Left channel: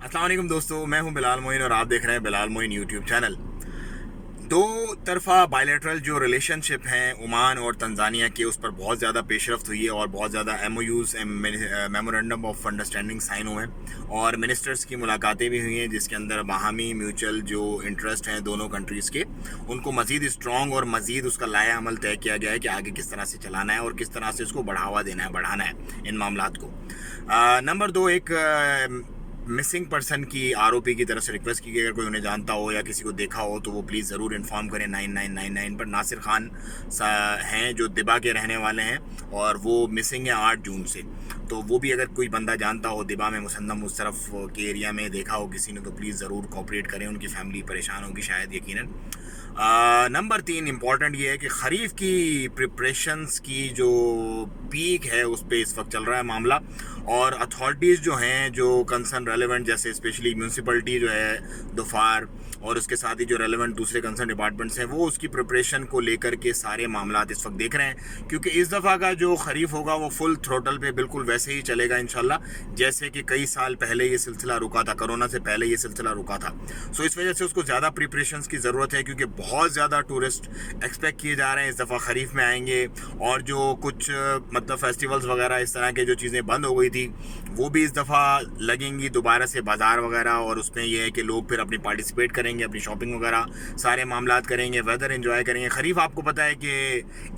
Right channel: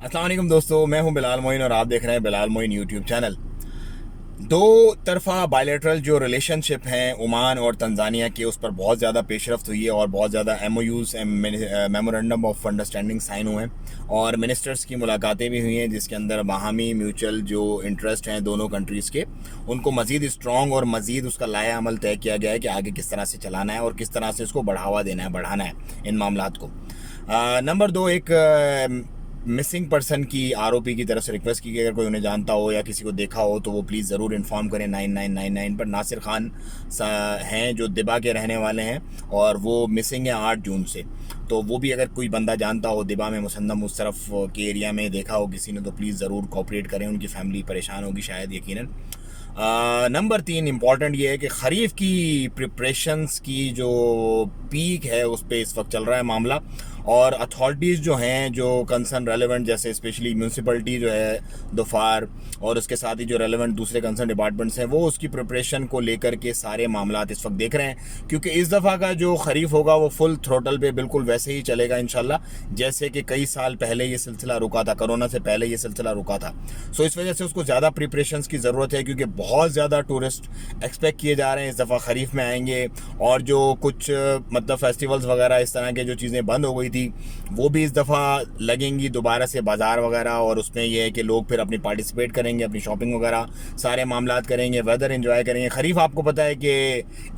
अस्सलाम वालेकुम दोस्तों, मैं हूं बिलाल मोइन और आप देख रहे हैं बिलाल मोइन यूट्यूब चैनल। दो तरफा बायलैटरल जो रिलेशनशिप हैं ओमान और तंजानिया के, उस पर बहुत ज़्यादा पेशरफ्त हुई है और बहुत ज़्यादा MOUs memorandum of understanding sign हुए हैं और मिनिस्टर्स की मुलाकातें भी हुई हैं, जिसके अंदर बाहमी म्यूचुअल जो इंटरेस्ट हैं दोनों कंट्रीज़ के, उनको मज़ीद स्ट्रॉन्ग और मज़ीद उसका लाया अमल तय किया गया है कि आगे किस तरह से चलाना है और किस तरह से उसको बढ़ावा देना है, बढ़ाना है इन मामलात को। नंबर दो, एक मिसिंग पर्सन की आरोपी की तरफ से रिक्वेस्ट की गई, अगर कोई उन्हें जानता हो या किसी को देखा हो तो वो प्लीज़ ज़रूर इन्फॉर्म करें 9999 पर। नासिर खान हैं जो दिबा के रहने वाले हैं और वो मिसिंग है 8 जून से। तो वो भी अगर कोई बंदा जानता हो दिबा में, मुसन्नम उस तरफ के एरिया में देखा हो किसी ने, तो प्लीज़ ज़रूर कोऑपरेट करें। उनकी फैमिली परेशान होगी शायद, यकीनन। नंबर 3 इम्पॉर्टेंट ये है कि ख़रीफ की प्रिपरेशंस की जो पीक है उस पर इस वक्त चल रहा है मामला, और अथॉरिटीज़ जो हैं जो कंसर्न रेलेवेंट, जैसे स्पेशली म्यूनसिपलिटी जो है दोफार और उसके साथ ही जो रेलेवेंट दूसरे कंसर्न डिपार्टमेंट्स हैं, वो उसकी प्रिपरेशन को लेकर के सारे मामला इस वक्त देख रहे हैं। क्योंकि इस दफ़ा का जो खरीफ होगा वो फुल थ्रोटल पे बिल्कुल वैसे ही चलेगा इंशाल्लाह, जैसे कि कई साल पहले ये सिलसिला रुका था, कोरोना से पहले ये सिलसिला रुका था। सो इस वजह से उसको ज़्यादा प्रिपरेशंस की ज़रूरत है, क्योंकि बहुत ज़्यादा टूरिस्ट एक्सपेक्ट किए जा रहे हैं इस दफ़ा खरीफ में आएंगे। और जो कुछ मतलब फेस्टिवल्स वगैरह इस तरह के जो चीज़ें बंद हो गई थी, वो भी इस दफ़ा लगेंगी दोबारा से, बाज़ार वगैरह। और उसमें यह है कि लोग फिर अपनी पार्टिसिपेट करेंगे, अपनी शॉपिंग वगैरह सारे मामलात करेंगे, वेदर एंजॉय करेंगे। खरीफ आपको पता है कि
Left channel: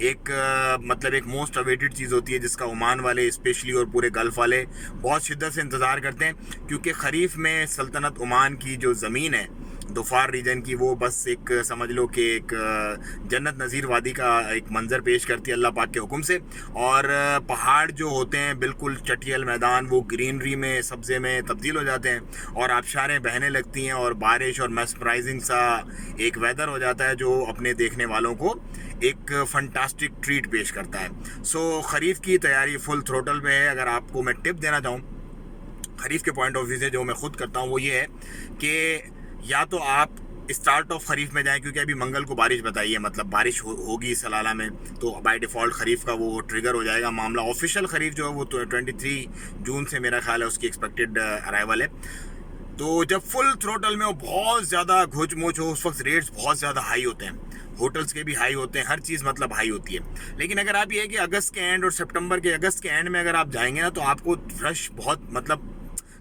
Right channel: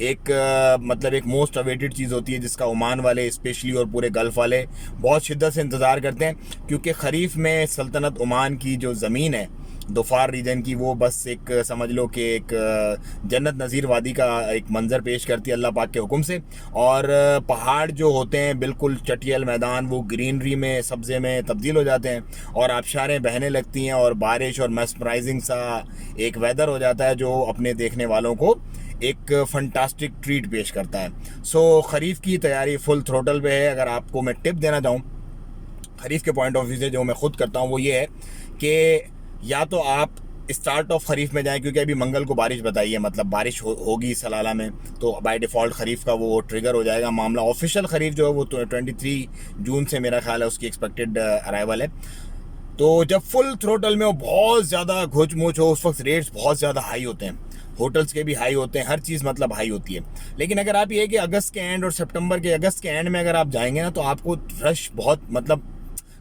एक मतलब एक मोस्ट अवेटेड चीज़ होती है, जिसका ओमान वाले स्पेशली और पूरे गल्फ़ वाले बहुत शिद्दत से इंतज़ार करते हैं। क्योंकि खरीफ में सल्तनत ओमान की जो ज़मीन है दोफार रीजन की, वो बस एक समझ लो कि एक जन्नत नज़ीर वादी का एक मंज़र पेश करती है अल्लाह पाक के हुक्म से। और पहाड़ जो होते हैं बिल्कुल चटियल मैदान, वो ग्रीनरी में, सब्ज़े में तब्दील हो जाते हैं और आबशारें बहने लगती हैं और बारिश और मेस्मराइजिंग सा एक वेदर हो जाता है, जो अपने देखने वालों को एक फंटास्टिक ट्रीट पेश करता है। सो खरीफ की तैयारी फुल थ्रोटल पे है। अगर आपको मैं टिप देना चाहूँ खरीफ के पॉइंट ऑफ व्यू से, जो मैं खुद करता हूँ, वो ये है कि या तो आप स्टार्ट ऑफ खरीफ में जाएं, क्योंकि अभी मंगल को बारिश बताई है, मतलब बारिश होगी सलाला में, तो बाय डिफ़ॉल्ट खरीफ का वो ट्रिगर हो जाएगा मामला। ऑफिशियल खरीफ जो है वो 23 जून से मेरा ख्याल है उसकी एक्सपेक्टेड अराइवल है। तो जब फुल थ्रोटल में वो बहुत ज़्यादा घुच मुच हो, उस वक्त रेट्स बहुत ज़्यादा हाई होते हैं, होटल्स के भी हाई होते हैं, हर चीज़ मतलब हाई होती है। लेकिन अगर आप ये कि अगस्त के एंड और सितंबर के अगस्त के एंड में अगर आप जाएंगे ना, तो आपको रश बहुत मतलब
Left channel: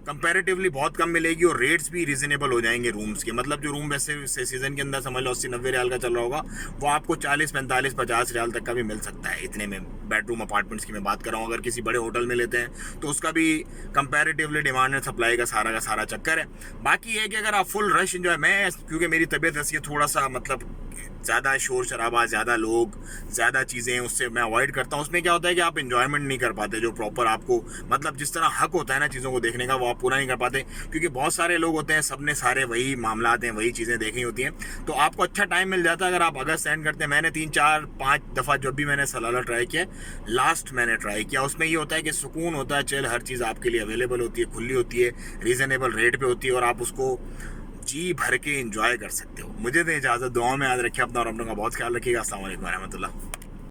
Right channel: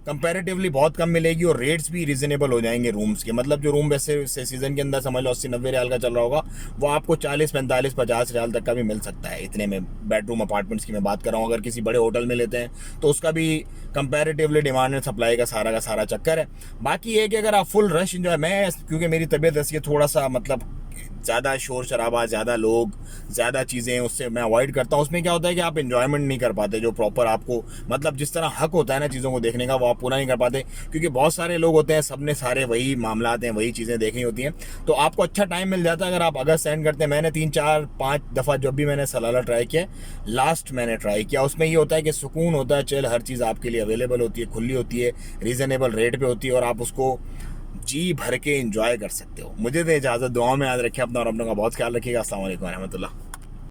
कंपैरेटिवली बहुत कम मिलेगी और रेट्स भी रीजनेबल हो जाएंगे रूम्स के। मतलब जो रूम वैसे सीज़न के अंदर समझ लो 80-90 रियाल का चल रहा होगा, वो आपको 40-45-50 रियाल तक का भी मिल सकता है, इतने में। बेडरूम अपार्टमेंट्स की मैं बात कर रहा हूँ। अगर किसी बड़े होटल में लेते हैं तो उसका भी कंपैरेटिवली डिमांड एंड सप्लाई का सारा चक्कर है। बाकी ये कि अगर आप फुल रश इंजॉय, मैं क्योंकि मेरी तबीयत ऐसी है, थोड़ा सा मतलब ज़्यादा शोर शराबा, ज़्यादा लोग, ज़्यादा चीज़ें, उससे मैं अवॉइड करता हूँ। उसमें क्या होता है कि आप इन्जॉयमेंट नहीं कर पाते, जो प्रॉपर आपको मतलब जिस तरह हक होता है ना चीज़ों को देखने का, वो आप पूरा नहीं कर पाते। क्योंकि बहुत सारे लोग होते हैं, सब ने सारे वही मामलात हैं, वही चीज़ें देखनी होती हैं, तो आपको अच्छा टाइम मिल जाता है अगर आप अगस्त एंड करते हैं। मैंने 3-4-5 दफ़ा जब भी मैंने सलाला ट्राई किया, लास्ट मैंने ट्राई किया, उसमें ये होता है कि सुकून होता है, चल हर चीज़ आपके लिए अवेलेबल होती है, खुली होती है, रीज़नेबल रेट पे होती है और आप उसको जी भर के एंजॉय कर सकते हो। मुझे तो इजाज़त, दुआ में याद रखिए अपना और अपनों का बहुत ख्याल रखिएगा। अस्सलाम वालेकुम रहमतुल्लाह।